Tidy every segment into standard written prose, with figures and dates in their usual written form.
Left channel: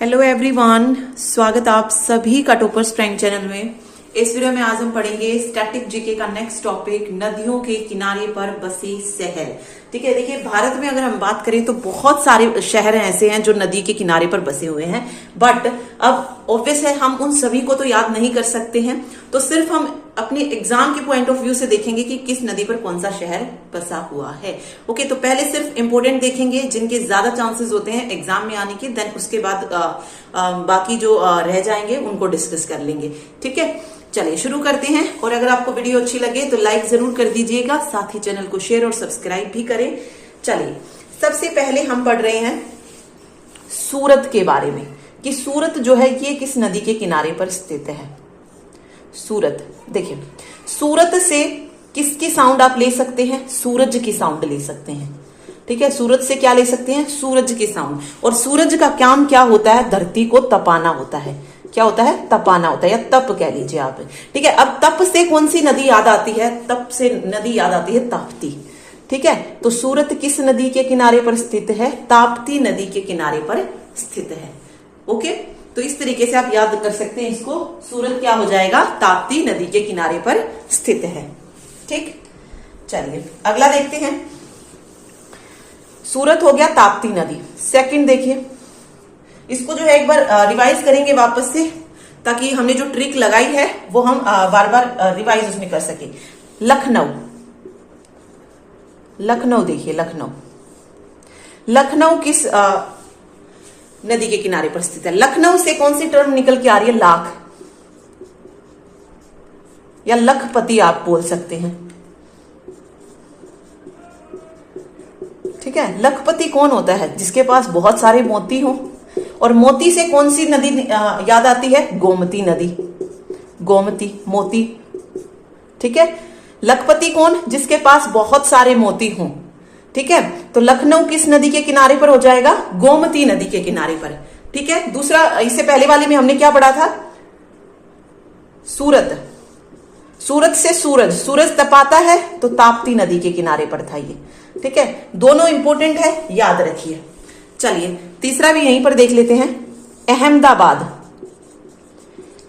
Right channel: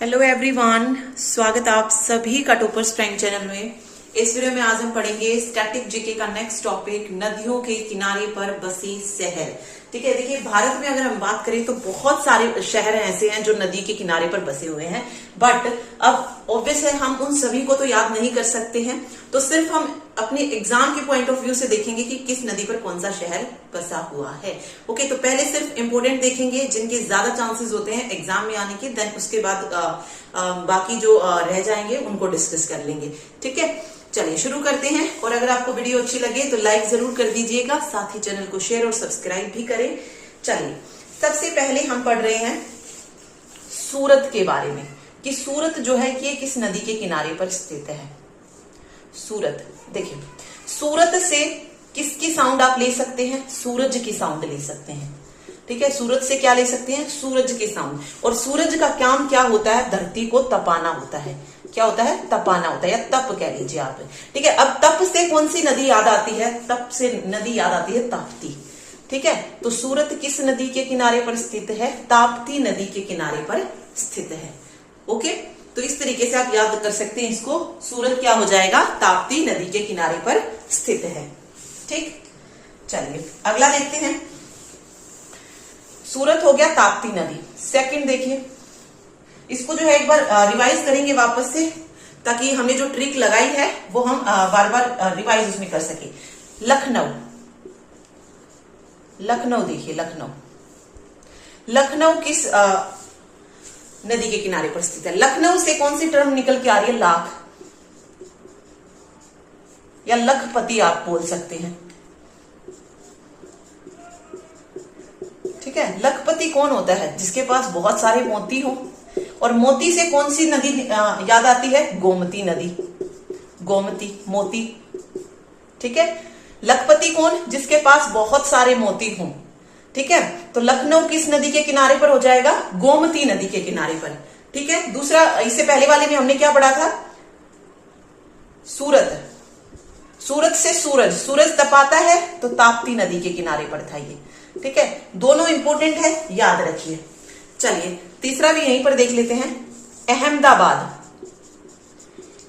Hello everyone, स्वागत आप सभी का टॉपर्स प्रैंक चैनल में। इस वीडियो में आज हम पढ़ेंगे स्टैटिक जीके का नेक्स्ट टॉपिक, नदियों के किनारे पर बसे शहर। ठीक है, देखिए भारत में अगर हम बात करें तो बहुत सारे शहर ऐसे हैं जो नदी के किनारे पर बसे हुए हैं, बट अब ऑब्वियस है हम उन सभी को तो याद नहीं कर सकते हैं, तो सिर्फ हम अपने एग्जाम के पॉइंट ऑफ व्यू से देखेंगे कि किस नदी पर कौन सा शहर बसा हुआ है। ओके, तो पहले सिर्फ इंपोर्टेंट देखेंगे जिनके ज्यादा चांसेस होते हैं एग्जाम में आने के, देन उसके बाद बाकी जो रह जाएंगे उनको डिस्कस कर लेंगे। ठीक है, चलिए शुरू करते हैं। और अगर आपको वीडियो अच्छी लगे तो लाइक जरूर कर दीजिएगा, साथ ही चैनल को शेयर और सब्सक्राइब भी करें। चलिए, सबसे पहले हम पढ़ रहे हैं सूरत के बारे में कि सूरत जो है ये किस नदी के किनारे पर स्थित है। सूरत, देखिए सूरत से किसकी साउंड आप ले सकते हैं? सूरज की साउंड ले सकते हैं। ठीक है, सूरज से क्या ले सकते हैं? सूरज की साउंड। और सूरज का काम क्या होता है? धरती को तपाना होता है। क्या होता है? तपाना होता है, या तप कह लीजिए आप। ठीक है, अब तप से कौन सी नदी याद आती है? तप से नदी याद आती है ताप्ती। ठीक है, तो सूरत किस नदी के किनारे पर स्थित है? ताप्ती नदी के किनारे पर स्थित है। ओके, तो इस तरीके से आप याद कर सकते हैं इसको। सूरत क्या हो जाएगा? ताप्ती नदी के किनारे पर स्थित है। ठीक, चलिए अगला देखते हैं। सूरत हो गया ताप्ती नदी। सेकंड देखिए, इसको जो है एक बार रिवाइज करेंगे वापस से, ताकि हमने जो ट्रिक लगाई है वो हम बार बार रिवाइज उसमें कर सके। लखनऊ, लखनऊ देखिए, लखनऊ, लखनऊ किस नदी के किनारे पर स्थित है? लखनऊ से कौन सी टर्म निकल के आ रही है? लाख या लखपति आप बोल सकते हैं। ठीक है, लखपति कौन होता है? जिसके पास बहुत सारे मोती हो। और मोती से कौन सी नदी याद आती है? गोमती नदी। गोमती, मोती। ठीक है, लखपति कौन? जिसके पास बहुत सारे मोती हों। ठीक है, तो लखनऊ किस नदी के किनारे पर हो जाएगा? गोमती नदी के किनारे पर। ठीक है, दूसरा, इससे पहले वाले में हमने क्या पढ़ा था? सूरत, सूरत से सूरज, सूरज तपाता है तो ताप्ती नदी के किनारे पर था ये। ठीक है, दोनों इंपोर्टेंट है, याद रखिए। चलिए तीसरा भी यहीं पर देख लेते हैं। अहमदाबाद,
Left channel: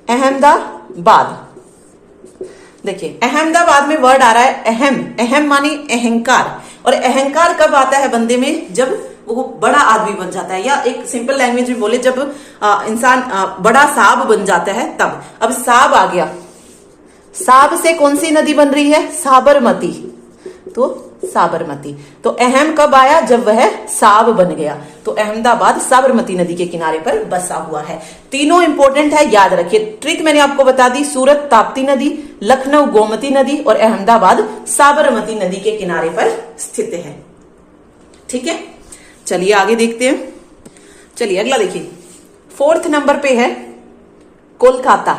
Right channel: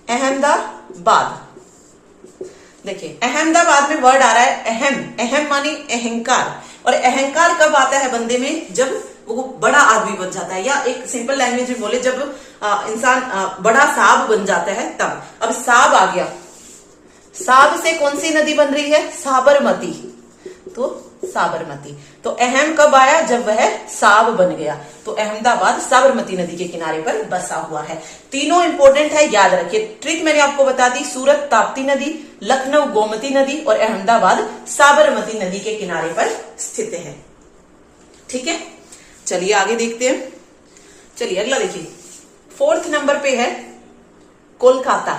अहमदाबाद। देखिए अहमदाबाद में वर्ड आ रहा है अहम। अहम मानी अहंकार, और अहंकार कब आता है बंदे में? जब वो बड़ा आदमी बन जाता है, या एक सिंपल लैंग्वेज में बोले जब इंसान बड़ा साहब बन जाता है तब। अब साहब आ गया, साहब से कौन सी नदी बन रही है? साबरमती। तो साबरमती, तो अहम कब आया? जब वह साब बन गया। तो अहमदाबाद साबरमती नदी के किनारे पर बसा हुआ है। तीनों इंपोर्टेंट है, याद रखिए। ट्रिक मैंने आपको बता दी। सूरत ताप्ती नदी, लखनऊ गोमती नदी, और अहमदाबाद साबरमती नदी के किनारे पर स्थित है। ठीक है, चलिए आगे देखते हैं। चलिए अगला देखिए, 4th नंबर पे है कोलकाता।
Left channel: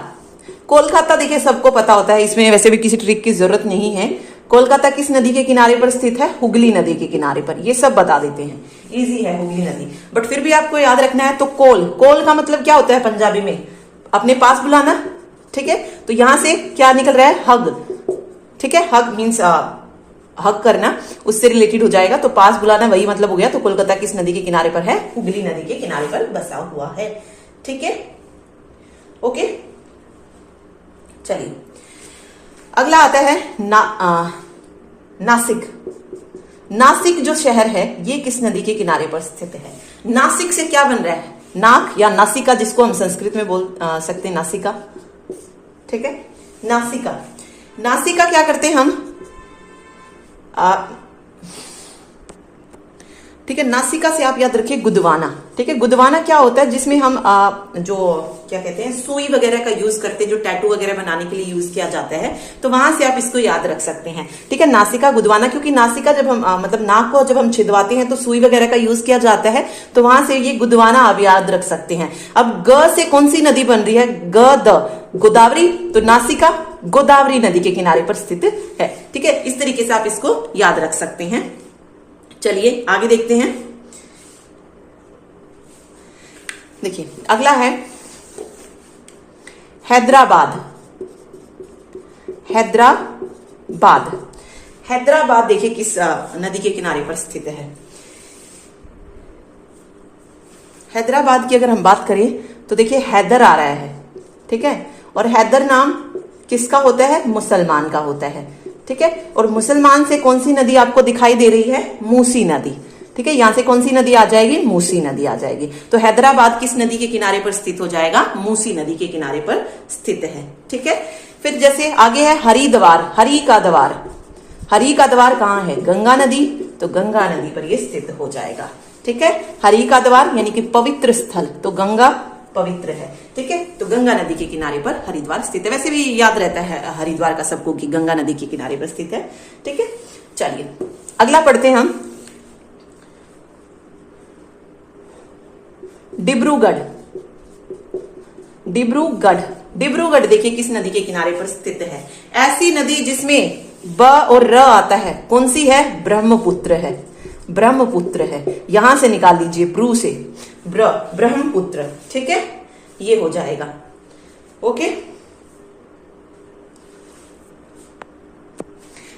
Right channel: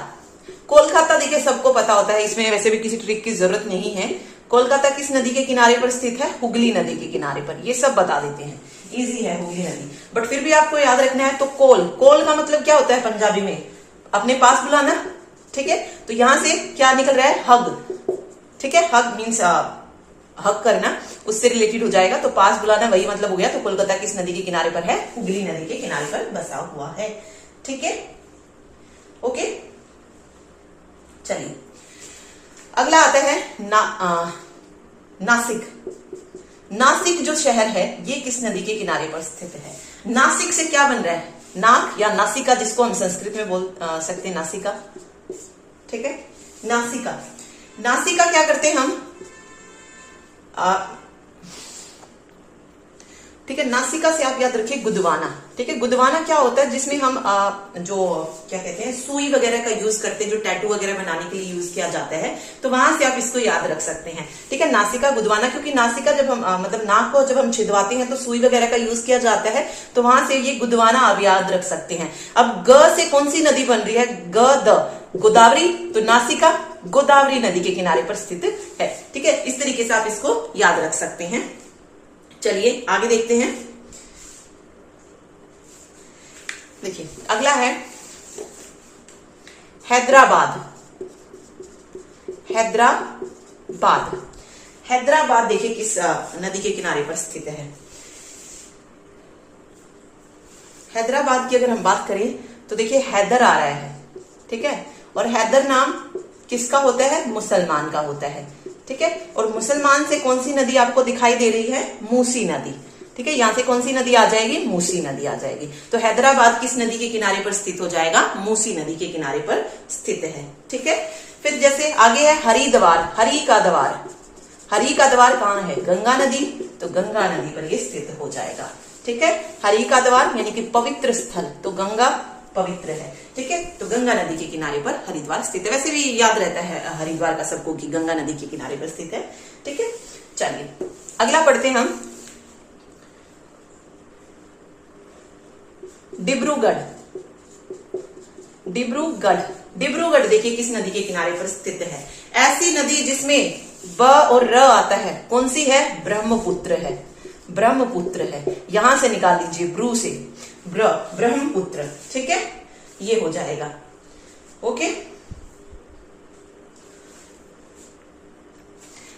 कोलकाता देखिए सबको पता होता है, इसमें वैसे भी किसी ट्रिक की जरूरत नहीं है। कोलकाता किस नदी के किनारे पर स्थित है? हुगली नदी के किनारे पर। ये सब बता देते हैं, इजी है हुगली नदी, बट फिर भी आपको याद रखना है। तो कोल, कोल का मतलब क्या होता है पंजाबी में? अपने पास बुलाना। ठीक है, तो यहां से क्या निकल रहा है? हग। ठीक है, हग मीन्स हग करना, उससे रिलेटेड हो जाएगा। तो पास बुलाना वही मतलब हो गया। तो कोलकाता किस नदी के किनारे पर है? हुगली नदी के किनारे पर बसा हुआ है। ठीक है, ओके। चलिए अगला आता है नासिक। नासिक जो शहर है ये किस नदी के किनारे पर स्थित है? नासिक से क्या बन रहा है? नाक या नासिका, जिसको हम संस्कृत में बोल सकते हैं नासिका। ठीक है, नासिका। नासिका क्या करते हैं हम? ठीक है, नासिका से आप याद रखिए गुदवाना। ठीक है, गुदवाना क्या होता है? जिसमें हम जो क्या कहते हैं, सुई वगैरह का यूज करते हैं, जो टैटू वगैरह बनाने के लिए यूज किया जाता है, तो वहां से आप इसको याद रख सकते हैं। ठीक है, नासिका गुदवाना, क्योंकि नासिका जब हम मतलब नाक को जब हम छिदवाते हैं तो सुई वगैरह का यूज किया जाता है, तो वहां से ये गुदवाना आप याद रख सकते हैं। अब ग से कौन सी नदी बन रही है? गोदावरी। तो नासिका गोदावरी नदी के किनारे पर स्थित है। ठीक है, इस तरीके से आप इसको याद रख सकते हैं। चलिए आगे देखते हैं। देखिए अगला है हैदराबाद। हैदराबाद, हैदराबाद देखिए किस नदी के किनारे पर स्थित है? हैदराबाद की अगर हम बात करें तो देखिए हैदर आ रहा है, ठीक है, और हैदर नाम किसका होता है? मुसलमान का होता है, ठीक है। और मुसलमान से कौन सी नदी आपको दिखाई दे रही है? मूसी नदी, ठीक है। यहां से कौन सी नदी आ जाएगी? मूसी नदी आ जाएगी। तो हैदराबाद किस नदी के किनारे पर स्थित हो जाएगा? मूसी नदी के किनारे पर स्थित है, ठीक है। फिर जैसे आगे है हरिद्वार, हरि का द्वार। हरि का द्वार कहाँ है? गंगा नदी, तो गंगा नदी पर यह स्थित हो जाएगा, ठीक है। हरि का द्वार यानी कि पवित्र स्थल, तो गंगा पवित्र है, ठीक है। तो गंगा नदी के किनारे पर हरिद्वार स्थित है। वैसे भी याद रहता है हरिद्वार का सबको कि गंगा नदी के किनारे पर स्थित है, ठीक है। चलिए अगला पढ़ते हैं हम। डिब्रूगढ़, डिब्रूगढ़, डिब्रूगढ़ देखिए किस नदी के किनारे पर स्थित है? ऐसी नदी जिसमें ब और र आता है, कौन सी है? ब्रह्मपुत्र है, ब्रह्मपुत्र है। यहां से निकाल लीजिए ब्रू से ब्रह्मपुत्र, ठीक है, ये हो जाएगा, ओके।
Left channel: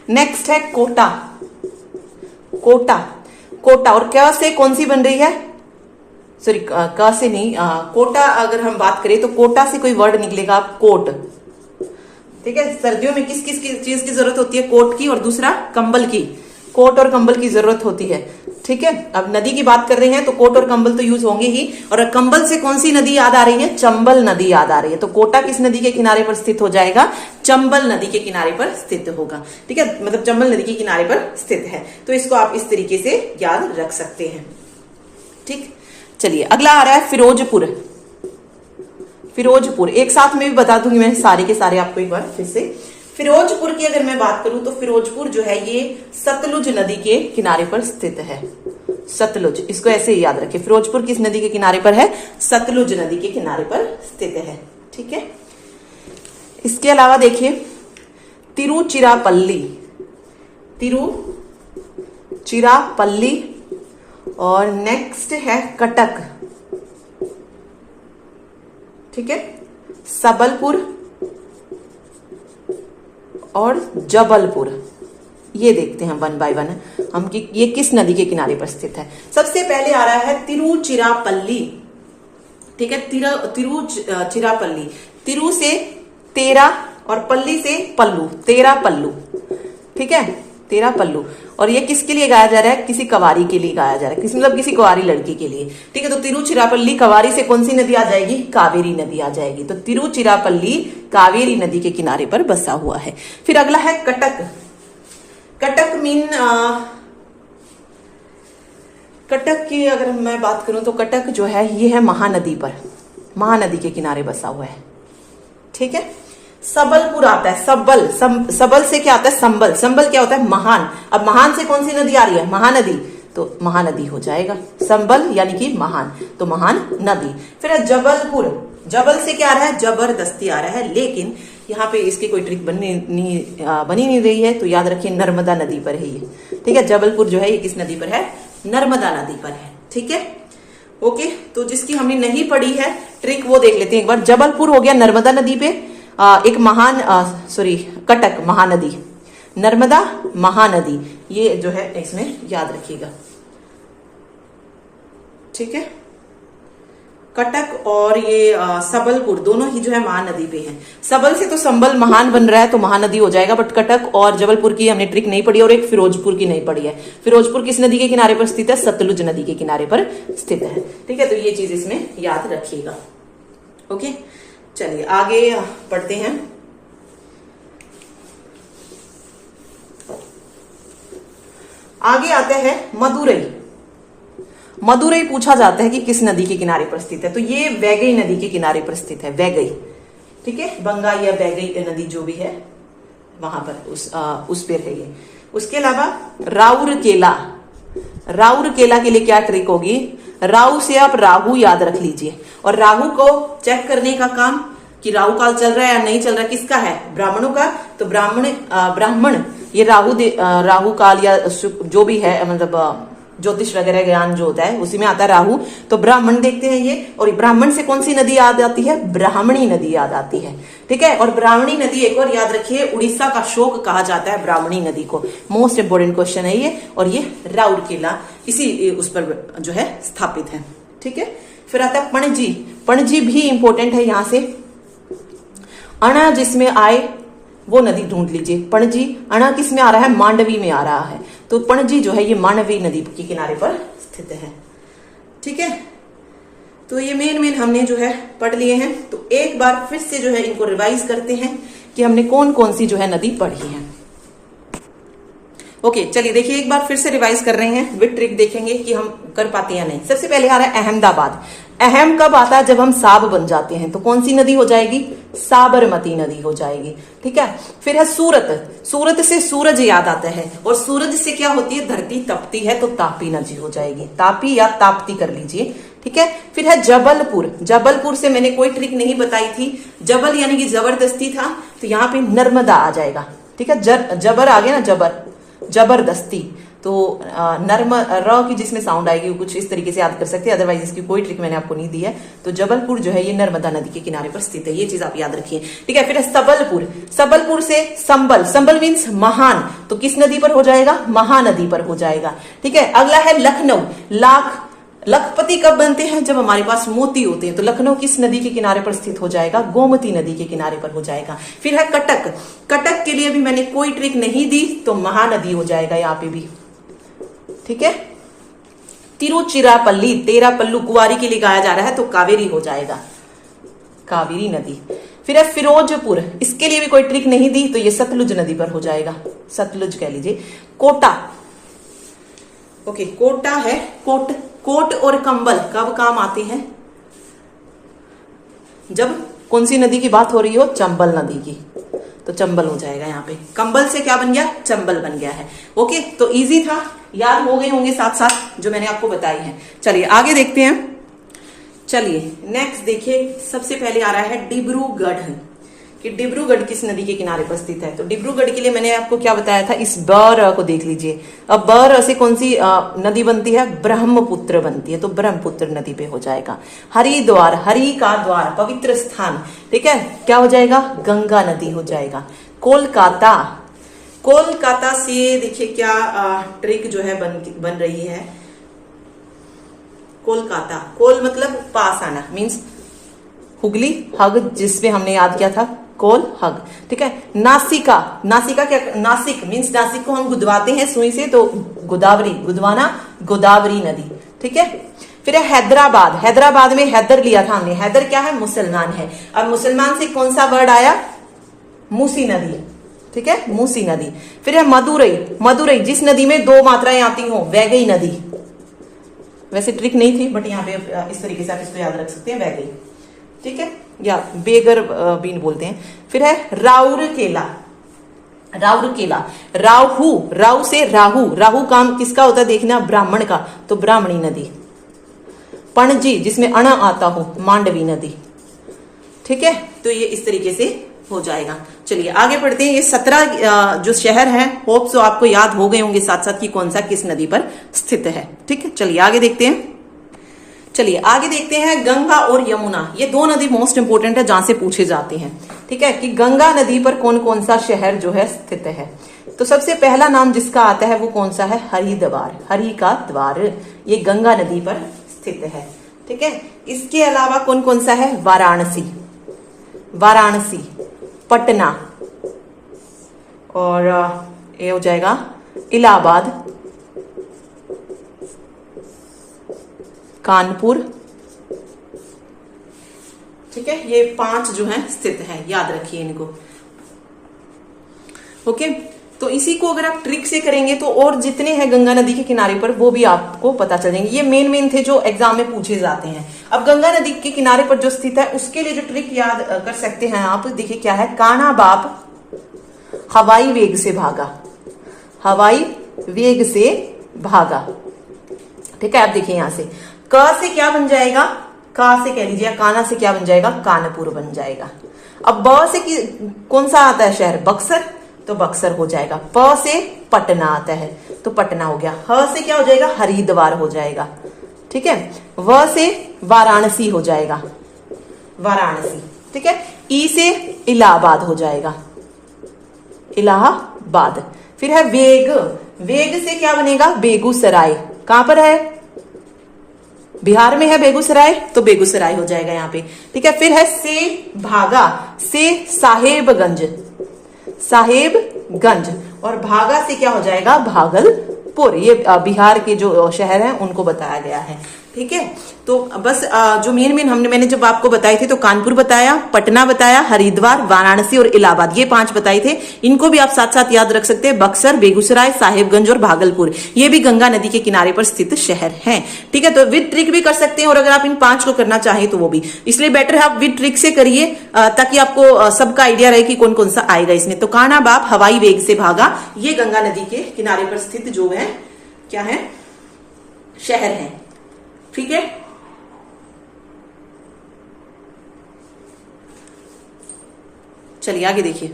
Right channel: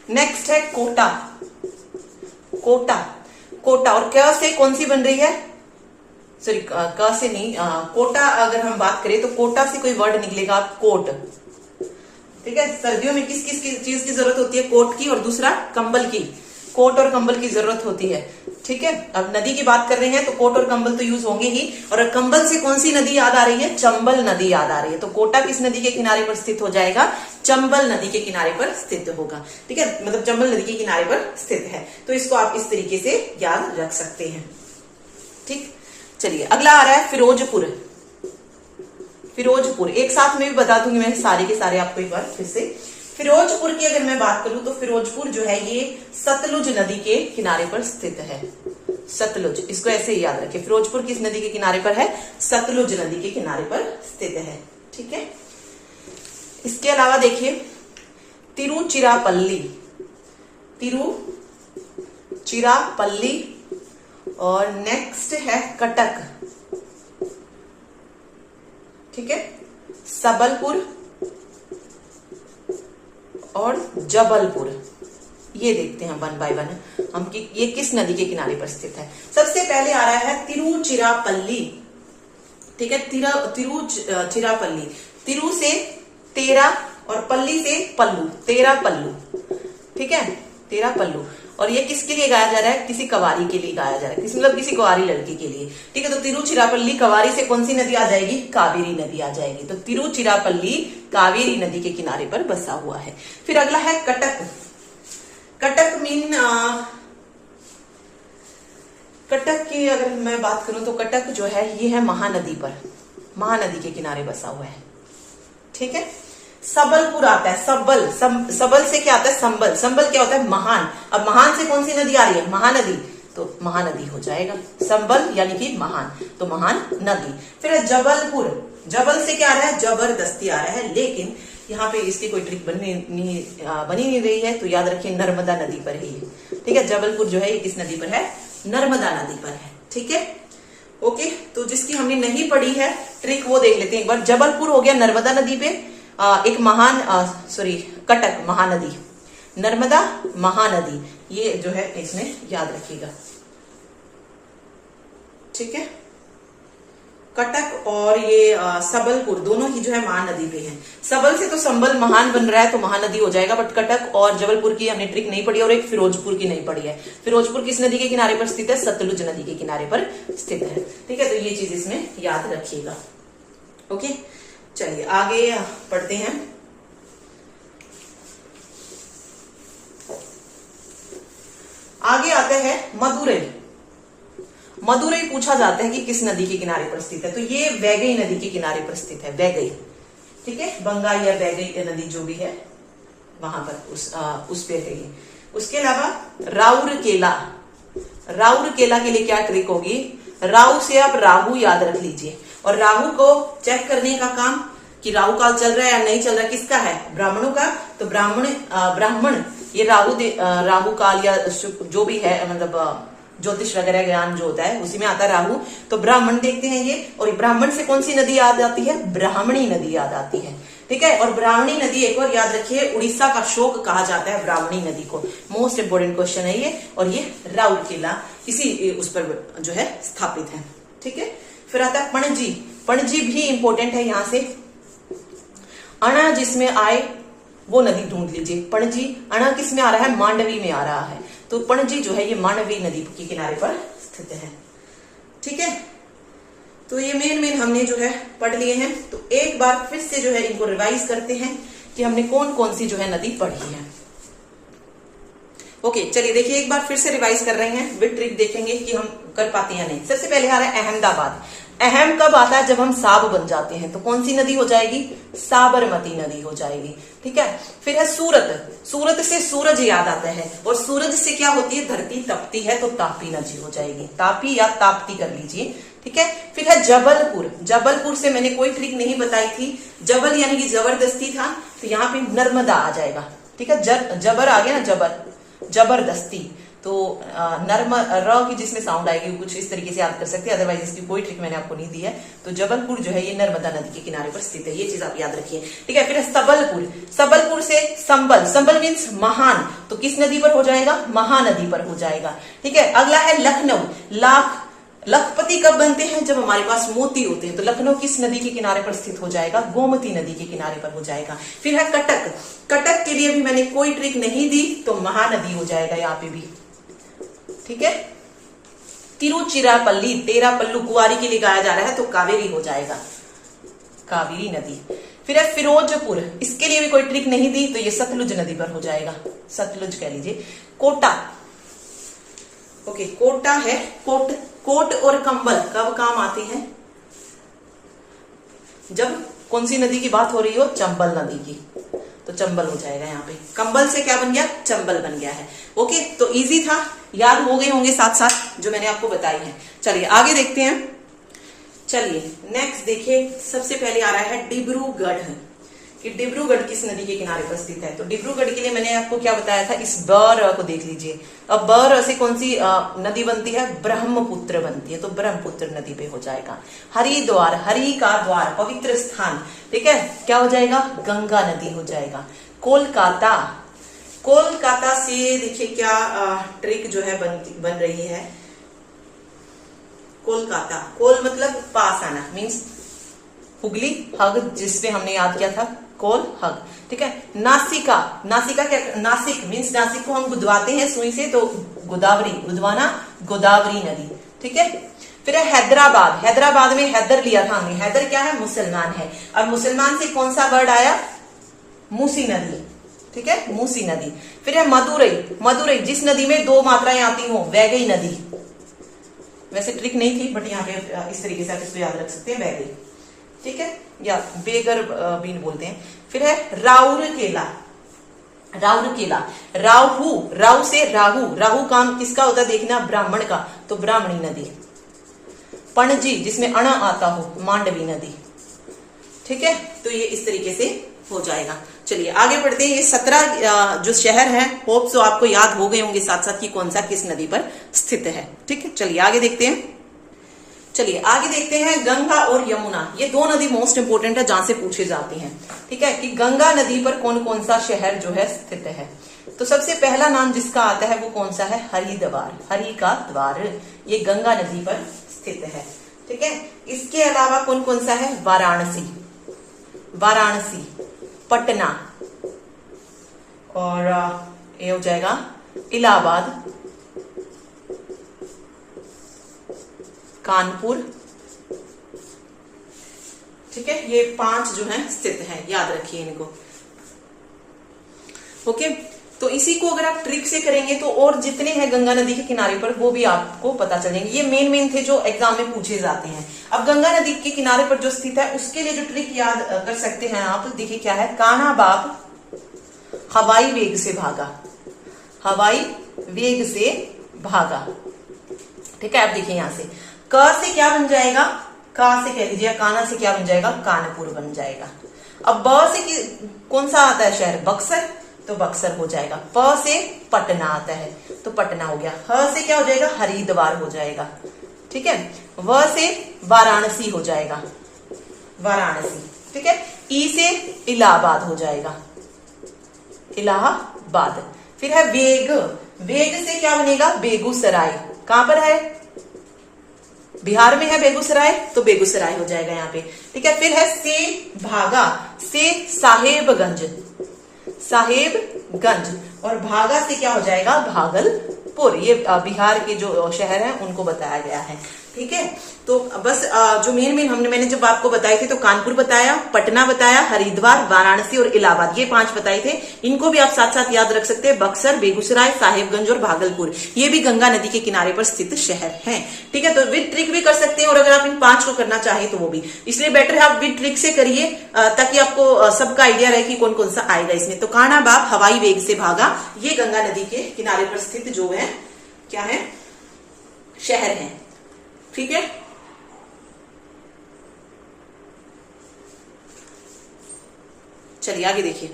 नेक्स्ट है कोटा, कोटा, कोटा, और क्या से कौन सी बन रही है? सॉरी का से नहीं, कोटा अगर हम बात करें तो कोटा से कोई वर्ड निकलेगा कोट, ठीक है। सर्दियों में किस किस चीज की जरूरत होती है? कोट की, और दूसरा कंबल की। कोट और कंबल की जरूरत होती है, ठीक है। अब नदी की बात कर रहे हैं तो कोट और कंबल तो यूज होंगे ही। और कंबल से कौन सी नदी याद आ रही है? चंबल नदी याद आ रही है। तो कोटा किस नदी के किनारे पर स्थित हो जाएगा? चंबल नदी के किनारे पर स्थित होगा, ठीक है। मतलब चंबल नदी के किनारे पर स्थित है। तो इसको आप इस तरीके से याद रख सकते हैं, ठीक। चलिए अगला आ रहा है फिरोजपुर, फिरोजपुर एक साथ में भी बता दूंगी मैं सारे के सारे आपको एक बार फिर से। फिरोजपुर की अगर मैं बात करूं तो फिरोजपुर जो है ये सतलुज नदी के किनारे पर स्थित है, सतलुज, इसको ऐसे ही याद रखिए। फिरोजपुर किस नदी के किनारे पर है? सतलुज नदी के किनारे पर स्थित है, ठीक है। इसके अलावा देखिए तिरुचिरापल्ली, तिरुचिरापल्ली, और नेक्स्ट है कटक, ठीक है, सबलपुर और जबलपुर। ये देखते हैं वन बाय वन हम कि ये किस नदी के किनारे पर स्थित है। सबसे पहले आ रहा है तिरुचिरापल्ली, ठीक है। तिरुचिरापल्ली, तिरु से तेरा और पल्ली से पल्लू, तेरा पल्लू, ठीक है, तेरा पल्लू। और ये किसके लिए गाया जा रहा है? किसी कवारी के लिए गाया जा रहा है, मतलब किसी कुंवारी लड़की के लिए, ठीक है। तो तिरुचिरापल्ली कवारी से कौन सी नदी आ जाएगी? कावेरी नदी आ जाएगी। तो तिरुचिरापल्ली कावेरी नदी के किनारे पर बसा हुआ है। फिर अगला है कटक, कटक मीन कटक की अगर मैं बात करूं तो कटक जो है ये है महानदी पर, महानदी के किनारे बसा हुआ है, ठीक है। सबलपुर आता है, सबल से क्या आता है? संबल, संबल क्या होता है? महान। अब महान से कौन सी नदी आ रही है? महानदी, तो महानदी हो जाएगा संबल यानी कि महान, तो महान नदी। फिर जबलपुर, जबल से क्या आ रहा है? जबरदस्ती आ रहा है, लेकिन यहाँ पे इसकी कोई ट्रिक बनी नहीं रही है, तो याद रखिए नर्मदा नदी पर है ये, ठीक है। जबलपुर जो है ये किस नदी पर है? नर्मदा नदी पर है, ठीक है, ओके। तो जिसकी हमने नहीं पढ़ी है ट्रिक वो देख लेते हैं एक बार। जबलपुर हो गया नर्मदा नदी पे, एक महान कटक महानदी, नर्मदा महानदी, ये जो है इसमें याद रखिएगा, ठीक है। कटक और ये सबलपुर दोनों ही जो है महानदी पे हैं। सबल से तो संबल महान बन रहा है तो महानदी हो जाएगा, बट कटक और जबलपुर की हमने ट्रिक नहीं पढ़ी और एक फिरोजपुर की नहीं पढ़ी है। फिरोजपुर किस नदी के किनारे पर स्थित है? सतलुज नदी के किनारे पर स्थित है, ठीक है। तो ये चीज इसमें याद रखिएगा, ओके। चलिए आगे पढ़ते हैं। आगे आता है मदुरई, मदुरई पूछा जाता है कि किस नदी के किनारे पर स्थित है? तो ये वैगई नदी के किनारे पर स्थित है, वैगई, ठीक है। बंगाल या वैगई नदी जो भी है वहां पर उस पे है ये। उसके अलावा राउरकेला, राउरकेला के लिए क्या ट्रिक होगी? राहु से आप राहु याद रख लीजिए, और राहु को चेक करने का काम कि राहु काल चल रहा है या नहीं चल रहा, किसका है? ब्राह्मणों का। तो ब्राह्मण ये राहु काल या जो भी है, मतलब ज्योतिष वगैरह ज्ञान जो होता है उसी में आता है राहु। तो ब्राह्मण देखते हैं ये, और ब्राह्मण से कौन सी नदी याद आती है? ब्राह्मणी नदी याद आती है, ठीक है। और ब्राह्मणी नदी एक और याद रखिए, उड़ीसा का शोक कहा जाता है ब्राह्मणी नदी को। मोस्ट इंपोर्टेंट क्वेश्चन है ये, और ये राउरकेला इसी उस पर जो है स्थापित है, ठीक है। फिर आता है पणजी, पणजी भी इंपॉर्टेंट है यहां से। अणा जिसमें आए वो नदी ढूंढ लीजिए। पणजी, अणा किस में आ रहा है? मांडवी में आ रहा है। तो पणजी जो है ये मांडवी नदी के किनारे पर स्थित है। ठीक है, तो ये मेन हमने जो है पढ़ लिए हैं। तो एक बार फिर से जो है इनको रिवाइज करते हैं कि हमने कौन कौन सी जो है नदी पढ़ी है। ओके, चलिए देखिए एक बार फिर से रिवाइज कर रहे हैं, विद ट्रिक देखेंगे कि हम कर पाते हैं या नहीं। सबसे पहले आ रहा है अहमदाबाद। अहम कब आता है? जब हम साब बन जाते हैं। तो कौन सी नदी हो जाएगी? साबरमती नदी हो जाएगी। ठीक है, फिर है सूरत। सूरत से सूरज याद आता है, और सूरज से क्या होती है? धरती तपती है, तो तापी नदी हो जाएगी। तापी या ताप्ती कर लीजिए। ठीक है, फिर है जबलपुर। जबलपुर से मैंने कोई ट्रिक नहीं बताई थी, जबल यानी कि जबरदस्ती था, तो यहाँ पे नर्मदा आ जाएगा। ठीक है, जबर आ गया ना, जबर, जबरदस्ती। तो नर्म र की जिसमें साउंड आएगी वो कुछ इस तरीके से याद कर सकते हैं, अदरवाइज इसकी कोई ट्रिक मैंने आपको नहीं दी है। तो जबलपुर जो है ये नर्मदा नदी के किनारे पर स्थित है, ये चीज आप याद रखिए। ठीक है, फिर है सबलपुर। सबलपुर से संबल, संबल मीन्स महान, तो किस नदी पर हो जाएगा? महानदी पर हो जाएगा। ठीक है, अगला है लखनऊ। लखपति कब बनते हैं? जब हमारे पास मोती होते हैं। तो लखनऊ किस नदी के किनारे पर स्थित हो जाएगा? गोमती नदी के किनारे पर हो जाएगा। फिर है कटक। कटक के लिए भी मैंने कोई ट्रिक नहीं दी, तो महानदी हो जाएगा यहाँ पे भी। ठीक है, तिरुचिरापल्ली, तेरा पल्लू कुंवारी के लिए गाया जा रहा है, तो कावेरी हो जाएगा, कावेरी नदी। फिर है फिरोजपुर, इसके लिए भी कोई ट्रिक नहीं दी, तो ये सतलुज नदी पर हो जाएगा, सतलुज कह लीजिए। कोटा, ओके, कोटा है। कोट और कंबल कब काम आते हैं? जब कौन सी नदी की बात हो रही हो? चंबल नदी की, तो चंबल हो जाएगा यहाँ पे। कंबल से क्या बन गया? चंबल बन गया है। ओके, तो इजी था, याद हो गए होंगे साथ साथ जो मैंने आपको बताई है। चलिए आगे देखते हैं। चलिए नेक्स्ट देखिए, सबसे पहले आ रहा है डिब्रूगढ़, कि डिब्रूगढ़ किस नदी के किनारे पर स्थित है। तो डिब्रूगढ़ के लिए मैंने आपको क्या बताया था? इस बर को देख लीजिए। अब बर से कौन सी नदी बनती है? ब्रह्मपुत्र बनती है, तो ब्रह्मपुत्र नदी पे हो जाएगा। हरिद्वार, हरि का द्वार, पवित्र स्थान। ठीक है, क्या हो जाएगा? गंगा नदी हो जाएगा। कोलकाता, कोलकाता से देखिए क्या ट्रिक जो है बन रही है। कोलकाता, कोल मतलब पास आना, मीन्स हुगली, हग जिसपे हमने याद किया था, कोल हग। ठीक है, नासिका, नासिका क्या? नासिक मीन्स नासिक को हम गुदवाते हैं सुई से, तो गोदावरी, गुदवाना, गोदावरी नदी। ठीक है, फिर है हैदराबाद। हैदराबाद में हैदर लिया था हमने, हैदर क्या है? मुसलमान है। अब मुसलमान से कौन सा वर्ड आया? मूसी नदी। ठीक है, मूसी नदी। फिर है मदुरई। मदुरई जिस नदी में दो मात्राएं आती हो, वैगई नदी। वैसे ट्रिक नहीं थी, बट यहाँ पे इस तरीके से आप इसको याद रख सकते हैं, वैगई। ठीक है, या बेगर बीन बोलते हैं। फिर है राउरकेला। राउरकेला, राहु, राहु से राहु, राहु काम किसका होता है? देखना, ब्राह्मण का, तो ब्राह्मणी नदी। पणजी जिसमें अण आता हो, मांडवी नदी। ठीक है, तो ये इस तरीके से हो जाएगा। चलिए आगे बढ़ते हैं। ये 17 जो शहर है, होप सो आपको याद हो गए होंगे साथ साथ कि कौन सा किस नदी पर स्थित है। ठीक है, चलिए आगे देखते हैं। चलिए आगे देखते हैं, गंगा और यमुना, ये दो नदी मोस्ट इंपोर्टेंट है जहां से पूछे जाते हैं। ठीक है, कि गंगा नदी पर कौन कौन सा शहर जो है स्थित है। तो सबसे पहला नाम जिसका आता है वो कौन सा है? हरिद्वार, हरि का द्वार, ये गंगा नदी पर स्थित है। ठीक है, इसके अलावा कौन कौन सा है? वाराणसी, वाराणसी, पटना, और ये हो जाएगा इलाहाबाद, कानपुर। ठीक है, ये 5 जो हैं स्थित हैं, याद रखिए इनको। ओके, तो इसी को अगर आप ट्रिक से करेंगे तो और जितने हैं गंगा नदी के किनारे पर वो भी आपको पता चलेंगे। ये मेन थे जो एग्जाम में पूछे जाते हैं। अब गंगा नदी के किनारे पर जो स्थित है उसके लिए जो ट्रिक याद कर सकते हैं आप, देखिए क्या है? कान्हा बाप हवाई वेग से भागा, हवाई वेग से भागा। ठीक है, आप देखिए यहां से क से क्या बन जाएगा? का से कह लीजिए, कान्हा से क्या बन जाएगा? कानपुर बन जाएगा। अब ब से कौन सा आता है शहर? बक्सर, तो बक्सर हो जाएगा। प से पटना आता है, तो पटना हो गया। ह से क्या हो जाएगा? हरिद्वार हो जाएगा। ठीक है, व से वाराणसी हो जाएगा, वाराणसी। ठीक है, ई से इलाहाबाद हो जाएगा, इलाहाबाद। फिर है वेग, वेग से क्या बनेगा? बेगूसराय, कहां पर है? बिहार में है बेगूसराय, तो बेगूसराय हो जाएगा यहाँ पे। ठीक है, फिर है से भागा, से साहेबगंज, साहेबगंज, और भागा से क्या हो जाएगा भागलपुर। ये बिहार के जो शहर हैं उनको बताया गया है। ठीक है, तो बस जो मेन मैंने जब आपको बताई थी तो कानपुर बताया, पटना बताया, हरिद्वार, वाराणसी और इलाहाबाद, ये 5 बताए थे। इनको भी आप साथ साथ याद रख सकते हैं, बक्सर, बेगूसराय, साहिबगंज और भागलपुर, ये भी गंगा नदी के किनारे पर स्थित शहर हैं। ठीक है, तो विद ट्रिक भी कर सकते हैं, और अगर आप इन 5 को करना चाहें तो वो भी, इसलिए बेटर है आप विद ट्रिक से करिए ताकि आपको सबका आइडिया रहे कि कौन कौन सा आएगा इसमें। तो कान्हा बाप हवाई वेग से भागा, ये गंगा नदी के किनारे पर स्थित जो है क्या है, शहर है। ठीक है, चलिए आगे देखिए।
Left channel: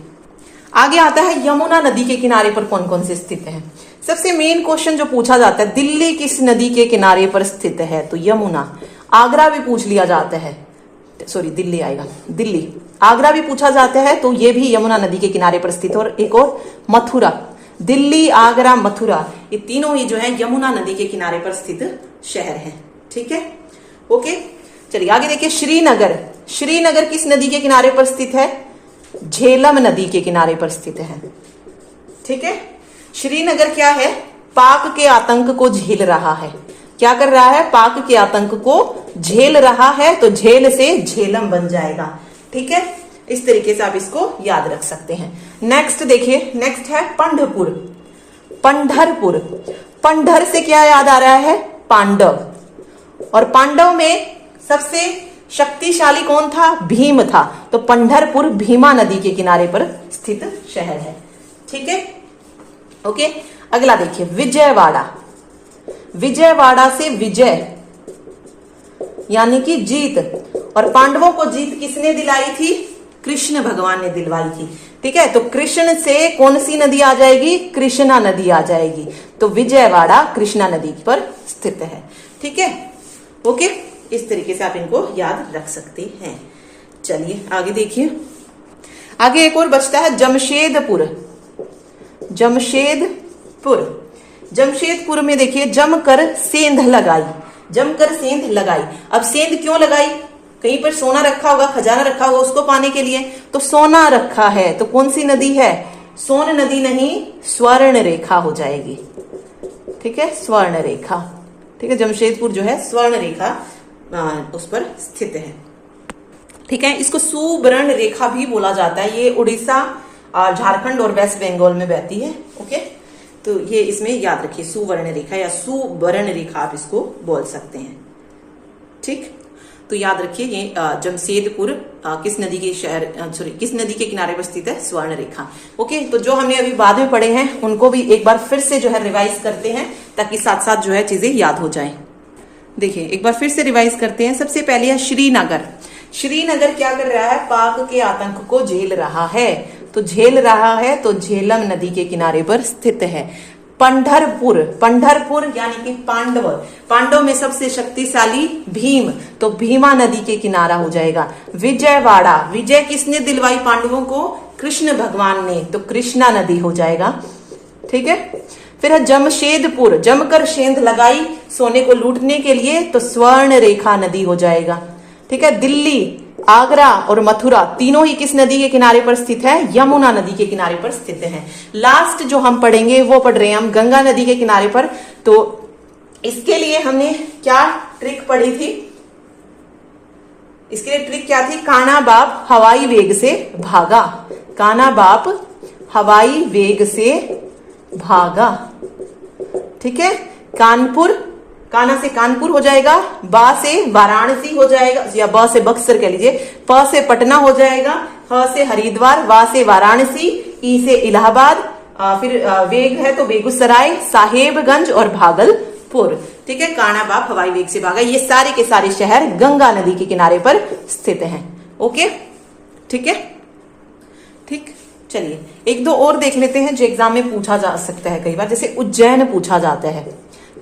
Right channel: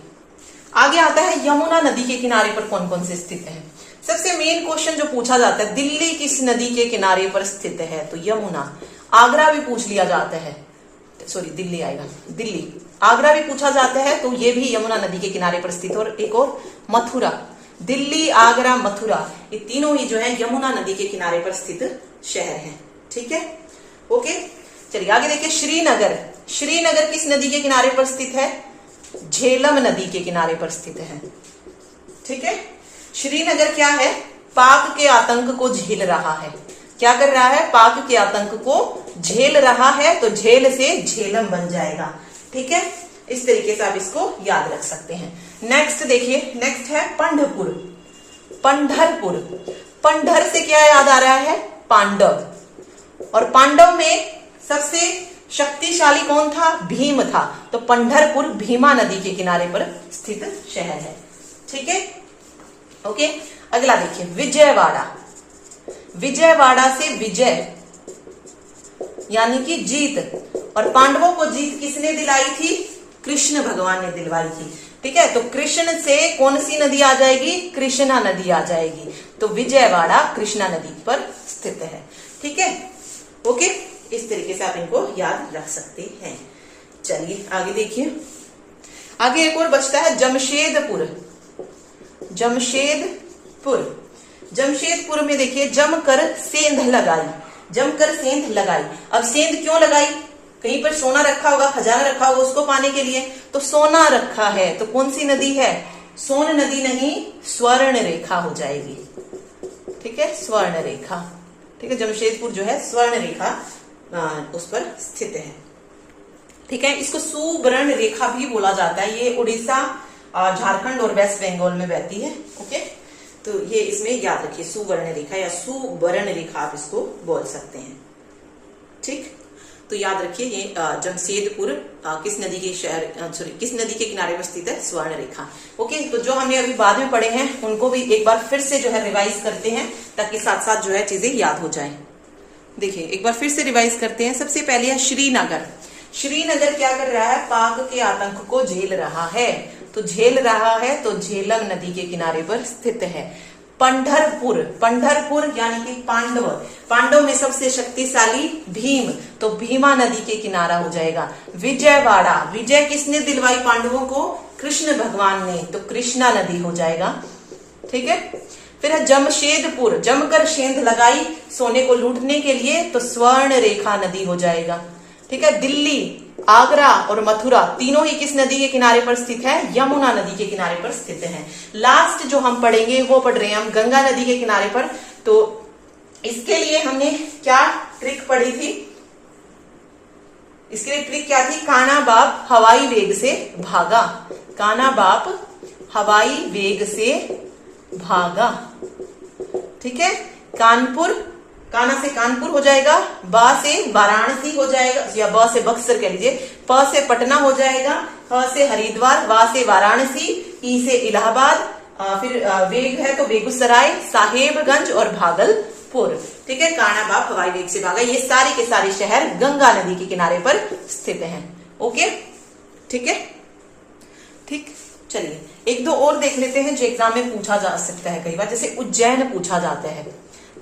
आगे आता है यमुना नदी के किनारे पर कौन कौन से स्थित हैं। सबसे मेन क्वेश्चन जो पूछा जाता है, दिल्ली किस नदी के किनारे पर स्थित है, तो यमुना। आगरा भी पूछ लिया जाता है, सॉरी दिल्ली आएगा, दिल्ली। आगरा भी पूछा जाता है तो ये भी यमुना नदी के किनारे पर स्थित है। और एक और मथुरा, दिल्ली, आगरा, मथुरा, ये तीनों ही जो है यमुना नदी के किनारे पर स्थित शहर हैं। ठीक है, ओके, चलिए आगे देखिए। श्रीनगर, श्रीनगर किस नदी के किनारे पर स्थित है, झेलम नदी के किनारे पर स्थित है। ठीक है, श्रीनगर क्या है, पाक के आतंक को झेल रहा है। क्या कर रहा है, पाक के आतंक को झेल रहा है, तो झेल से झेलम बन जाएगा। ठीक है, इस तरीके से आप इसको याद रख सकते हैं। नेक्स्ट देखिए, नेक्स्ट है पंढरपुर, पंढरपुर, पंढर से क्या याद आ रहा है, पांडव, और पांडव में सबसे शक्तिशाली कौन था, भीम था, तो पंढरपुर भीमा नदी के किनारे पर स्थित शहर है। ठीक है, ओके, अगला देखिए विजयवाड़ा, विजयवाड़ा से विजय यानी कि जीत, और पांडवों को जीत किसने दिलाई थी, कृष्ण भगवान ने दिलवाई थी। ठीक है, तो कृष्ण से कौन सी नदी आ जाएगी, कृष्णा नदी आ जाएगी, तो विजयवाड़ा कृष्णा नदी पर स्थित है। ठीक है, ओके, इस तरीके से आप इनको याद रख सकते हैं। चलिए आगे देखिए। आगे एक और बचता है जमशेदपुर, जमशेदपुर, जमशेदपुर में देखिए जमकर सेंध लगाई, जमकर सेंध लगाई। अब सेंध क्यों लगाई, कहीं पर सोना रखा होगा, खजाना रखा होगा, उसको पाने के लिए, तो सोना रखा है, तो कौन सी नदी है, सोन नदी नहीं, स्वर्ण रेखा हो जाएगी। ठीक है, स्वर्ण रेखा। ठीक है, जमशेदपुर जो है स्वर्ण रेखा उस पर स्थित है। ठीक है, इसको सुवर्ण रेखा भी बोला जाता है। ये उड़ीसा, झारखंड और वेस्ट बंगाल में बहती है। ओके, तो ये इसमें याद रखिए, सुवर्ण रेखा या सुवर्ण रेखा आप इसको बोल सकते हैं। ठीक, तो याद रखिए ये जमशेदपुर किस नदी के शहर, सॉरी किस नदी के किनारे पर स्थित है, स्वर्ण रेखा। ओके, तो जो हमने अभी बाद में पढ़े हैं उनको भी एक बार फिर से जो है रिवाइज करते हैं, ताकि साथ साथ जो है चीजें याद हो जाएं। देखिए एक बार फिर से रिवाइज करते हैं। सबसे पहले है श्रीनगर, श्रीनगर क्या कर रहा है, पाक के आतंक को झेल रहा है, तो झेल रहा है, तो झेलम नदी के किनारे पर स्थित है। पंढरपुर, पंढरपुर यानी कि पांडव, पांडव में सबसे शक्तिशाली भीम, तो भीमा नदी के किनारा हो जाएगा। विजयवाड़ा, विजय किसने दिलवाई पांडवों को, कृष्ण भगवान ने, तो कृष्णा नदी हो जाएगा। ठीक है, फिर है जमशेदपुर, जमकर सेंध लगाई सोने को लूटने के लिए, तो स्वर्ण रेखा नदी हो जाएगा। ठीक है, दिल्ली, आगरा और मथुरा तीनों ही किस नदी के किनारे पर स्थित है, यमुना नदी के किनारे पर स्थित हैं। लास्ट जो हम पढ़ेंगे वो पढ़ रहे हैं हम गंगा नदी के किनारे पर। तो इसके लिए हमने क्या ट्रिक पढ़ी थी, इसके लिए ट्रिक क्या थी, कान्हा बाप हवाई वेग से भागा, कान्हा बाप हवाई वेग से भागा। ठीक है, कानपुर, कान्हा से कानपुर हो जाएगा, बा से वाराणसी हो जाएगा, या ब से बक्सर कह लीजिए, प से पटना हो जाएगा, ह से हरिद्वार, वा से वाराणसी, ई से इलाहाबाद, फिर वेग है तो बेगूसराय, साहेबगंज और भागलपुर। ठीक है, कान्हा बाप हवाई वेग से भागा, ये सारे के सारे शहर गंगा नदी के किनारे पर स्थित हैं। ओके, ठीक है, ठीक, चलिए एक दो और देख लेते हैं जो एग्जाम में पूछा जा सकता है कई बार। जैसे उज्जैन पूछा जाता है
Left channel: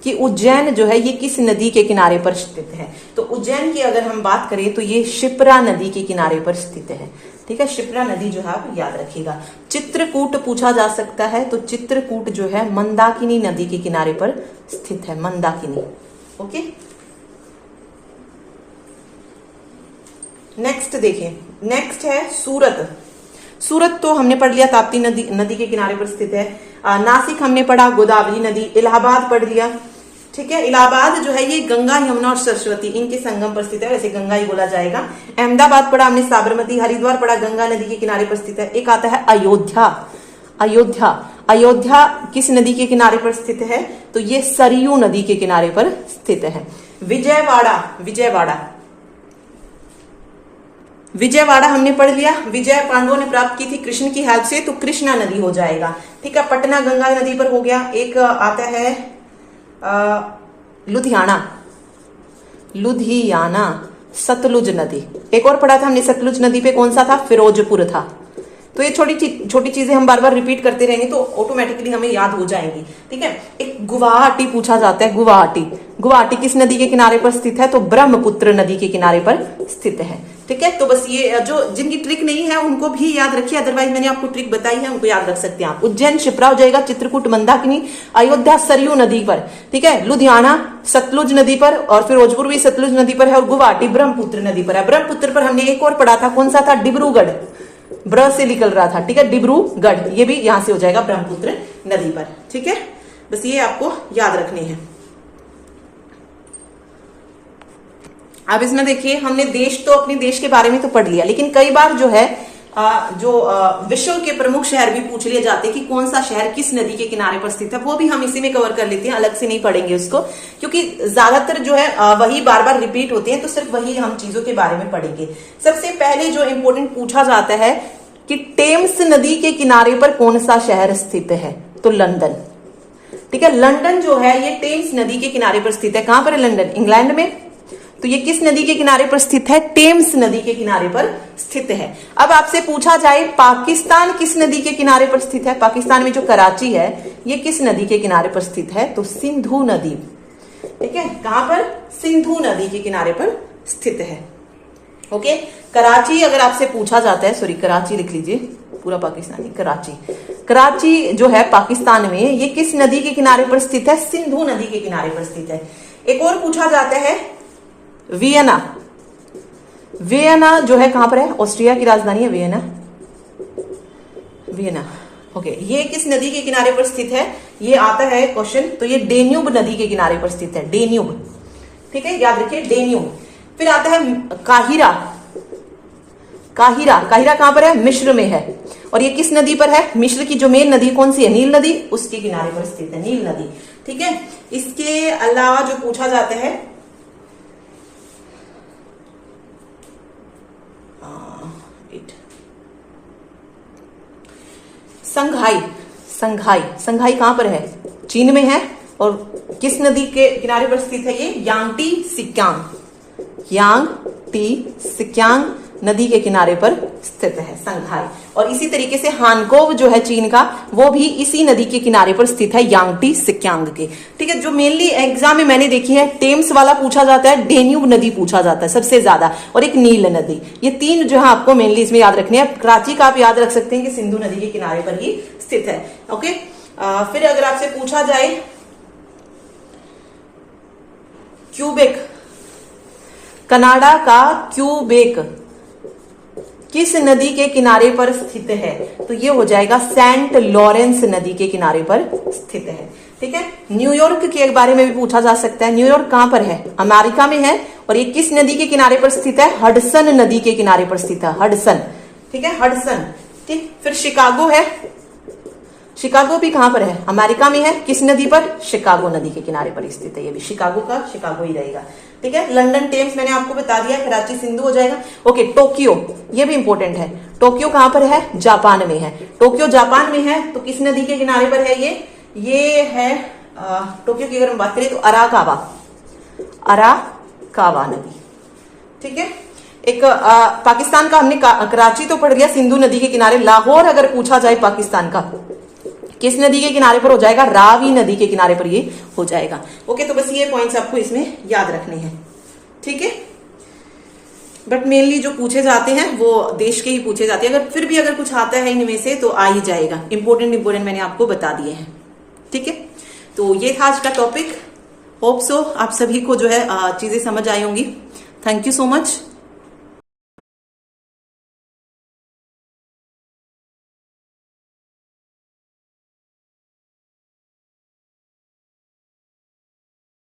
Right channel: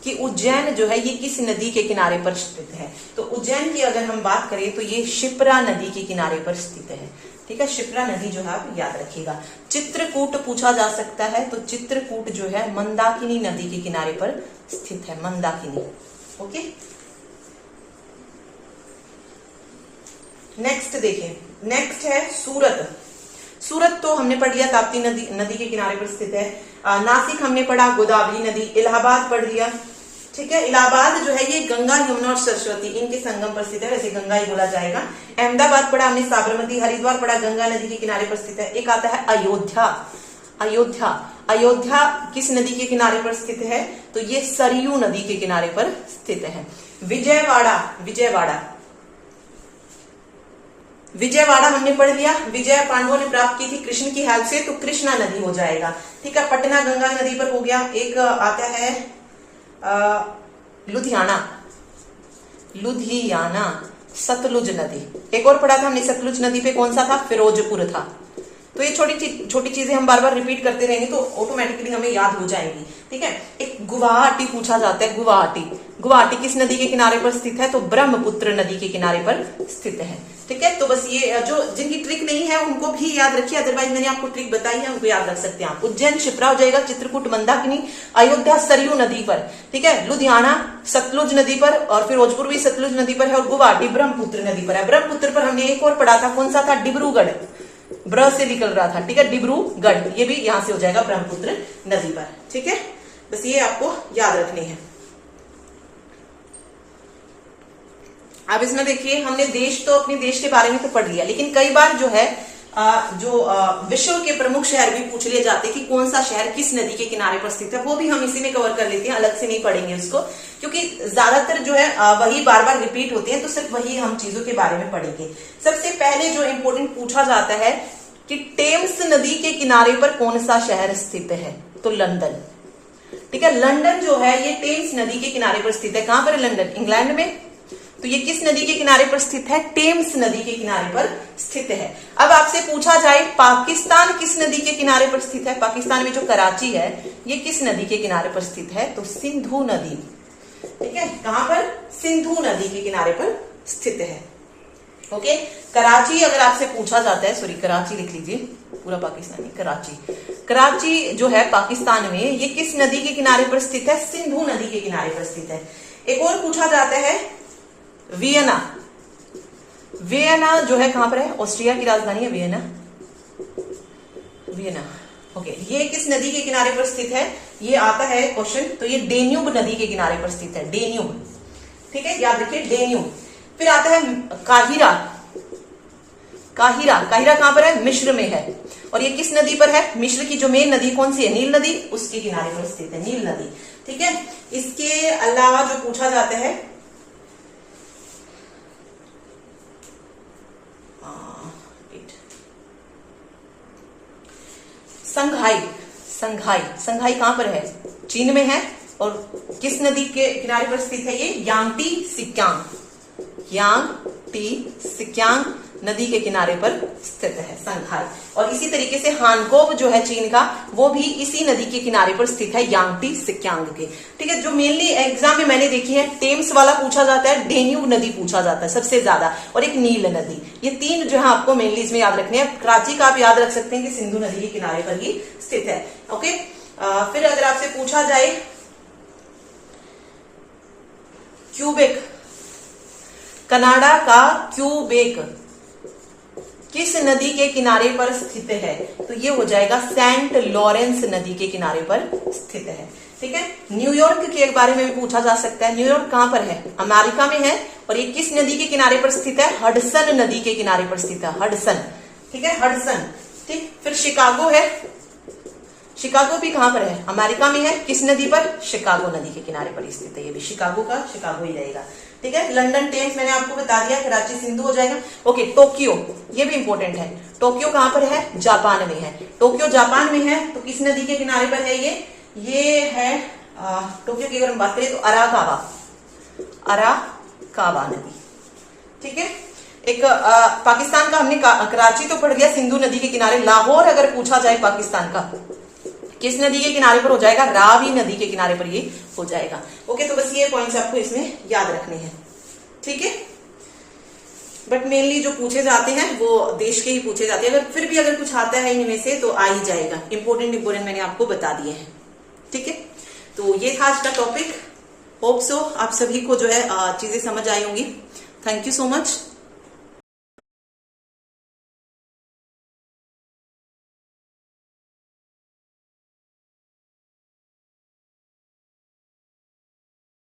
कि उज्जैन जो है ये किस नदी के किनारे पर स्थित है, तो उज्जैन की अगर हम बात करें तो ये शिप्रा नदी के किनारे पर स्थित है। ठीक है, शिप्रा नदी जो है आप याद रखिएगा। चित्रकूट पूछा जा सकता है, तो चित्रकूट जो है मंदाकिनी नदी के किनारे पर स्थित है, मंदाकिनी। ओके, नेक्स्ट देखिए, नेक्स्ट है सूरत। सूरत तो हमने पढ़ लिया, ताप्ती नदी के किनारे पर स्थित है। नासिक हमने पढ़ा, गोदावरी नदी। इलाहाबाद पढ़ लिया, ठीक है। इलाहाबाद जो है ये गंगा, यमुना और सरस्वती इनके संगम पर स्थित है, वैसे गंगा ही बोला जाएगा। अहमदाबाद पढ़ा हमने, साबरमती। हरिद्वार पढ़ा, गंगा नदी के किनारे पर स्थित है। एक आता है अयोध्या। अयोध्या, अयोध्या किस नदी के किनारे पर स्थित है? तो ये सरयू नदी के किनारे पर स्थित है। विजयवाड़ा, विजयवाड़ा, विजयवाड़ा हमने पढ़ लिया। विजय पांडवों ने प्राप्त की थी कृष्ण की हेल्प से, तो कृष्णा नदी हो जाएगा, ठीक है। पटना गंगा नदी पर हो गया। एक आता है लुधियाना, लुधियाना, सतलुज नदी। एक और पढ़ा था हमने सतलुज नदी पे, कौन सा था? फिरोजपुर था। तो ये छोटी चीजें हम बार बार रिपीट करते रहेंगे तो ऑटोमेटिकली हमें याद हो जाएंगी, ठीक है। एक गुवाहाटी पूछा जाता है, गुवाहाटी। गुवाहाटी किस नदी के किनारे पर स्थित है? तो ब्रह्मपुत्र नदी के किनारे पर स्थित है, ठीक है। तो बस ये जो जिनकी ट्रिक नहीं है उनको भी याद रखिए, अदरवाइज मैंने आपको ट्रिक बताई है, उनको याद रख सकते हैं आप। उज्जैन शिप्रा हो जाएगा, चित्रकूट मंदाकिनी, अयोध्या सरयू नदी पर, ठीक है। लुधियाना सतलुज नदी पर, और फिरोजपुर भी सतलुज नदी पर है, और गुवाहाटी ब्रह्मपुत्र नदी पर है। ब्रह्मपुत्र पर हमने एक और पढ़ा था, कौन सा था? डिब्रूगढ़, ब्र से निकल रहा था, ठीक है, डिब्रूगढ़। ये भी यहां से हो जाएगा ब्रह्मपुत्र नदी पर, ठीक है। बस ये आपको याद रखनी है। अब इसमें देखिए, हमने देश तो अपने देश के बारे में तो पढ़ लिया, लेकिन कई बार जो है विश्व के प्रमुख शहर भी पूछ लिए जाते हैं कि कौन सा शहर किस नदी के किनारे पर स्थित है। वो भी हम इसी में कवर कर लेते हैं, अलग से नहीं पढ़ेंगे उसको, क्योंकि ज्यादातर जो है वही बार बार रिपीट होते हैं, तो सिर्फ वही हम चीजों के बारे में पढ़ेंगे। सबसे पहले जो इंपॉर्टेंट पूछा जाता है कि टेम्स नदी के किनारे पर कौन सा शहर स्थित है? तो लंदन, ठीक है। लंदन जो है ये टेम्स नदी के किनारे पर स्थित है। कहां पर है लंदन? इंग्लैंड में। तो ये किस नदी के किनारे पर स्थित है? टेम्स नदी के किनारे पर स्थित है। अब आपसे पूछा जाए पाकिस्तान किस नदी के किनारे पर स्थित है? पाकिस्तान में जो कराची है ये किस नदी के किनारे पर स्थित है? तो सिंधु नदी, ठीक है। कहां पर? सिंधु नदी के किनारे पर स्थित है, ओके। कराची अगर आपसे पूछा जाता है, सॉरी कराची लिख लीजिए, पूरा पाकिस्तानी, कराची। कराची जो है पाकिस्तान में, ये किस नदी के किनारे पर स्थित है? सिंधु नदी के किनारे पर स्थित है। एक और पूछा जाता है वियना। वियना जो है कहां पर है? ऑस्ट्रिया की राजधानी है वियना, वियना, ओके। ये किस नदी के किनारे पर स्थित है? ये आता है क्वेश्चन, तो ये डेन्यूब नदी के किनारे पर स्थित है, डेन्यूब, ठीक है, याद रखिए डेन्यूब। फिर आता है काहिरा। काहिरा, काहिरा कहां पर है? मिस्र में है। और ये किस नदी पर है? मिस्र की जो मेन नदी कौन सी है? नील नदी, उसके किनारे पर स्थित है, नील नदी, ठीक है। इसके अलावा जो पूछा जाता है संघाई। संघाई, संघाई कहां पर है? चीन में है। और किस नदी के किनारे पर स्थित है? ये यांगटी सिक्यांग, यांगटी सिक्यांग नदी के किनारे पर स्थित है संघाई। और इसी तरीके से हानकोव जो है चीन का, वो भी इसी नदी के किनारे पर स्थित है, यांगटी सिक्यांग के, ठीक है। जो मेनली एग्जाम में मैंने देखी है, टेम्स वाला पूछा जाता है, डेन्यूब नदी पूछा जाता है सबसे ज्यादा, और एक नील नदी। ये तीन जो है आपको मेनली इसमें याद रखने हैं। कराची का आप याद रख सकते हैं कि सिंधु नदी के किनारे पर ही स्थित है, ओके। फिर अगर आपसे पूछा जाए क्यूबेक, कनाडा का क्यूबेक किस नदी के किनारे पर स्थित है? तो ये हो जाएगा सेंट लॉरेंस नदी के किनारे पर स्थित है, ठीक है। न्यूयॉर्क के बारे में भी पूछा जा सकता है। न्यूयॉर्क कहां पर है? अमेरिका में है। और ये किस नदी के किनारे पर स्थित है? हडसन नदी के किनारे पर स्थित है, हडसन, ठीक है, हडसन, ठीक। फिर शिकागो है। शिकागो भी कहां पर है? अमेरिका में है। किस नदी पर? शिकागो नदी के किनारे पर स्थित है। ये भी शिकागो का शिकागो ही रहेगा, ठीक है। लंदन टेम्स मैंने आपको बता दिया, कराची सिंधु हो जाएगा, ओके। टोक्यो, ये भी इंपॉर्टेंट है। टोक्यो कहां पर है? जापान में है। टोक्यो जापान में है, तो किस नदी के किनारे पर है? ये है टोक्यो की अगर हम बात करें तो अराकावा, अराकावा नदी, ठीक है। एक पाकिस्तान का हमने कराची तो पढ़ लिया, सिंधु नदी के किनारे। लाहौर अगर पूछा जाए पाकिस्तान का, किस नदी के किनारे पर हो जाएगा? रावी नदी के किनारे पर ये हो जाएगा, ओके। तो बस ये पॉइंट्स आपको इसमें याद रखने हैं, ठीक है। बट मेनली जो पूछे जाते हैं वो देश के ही पूछे जाते हैं। अगर फिर भी अगर कुछ आता है इनमें से तो आ ही जाएगा। इंपोर्टेंट मैंने आपको बता दिए हैं, ठीक है। तो ये था आज का टॉपिक। होप सो आप सभी को जो है चीजें समझ आई होंगी। Thank you so much.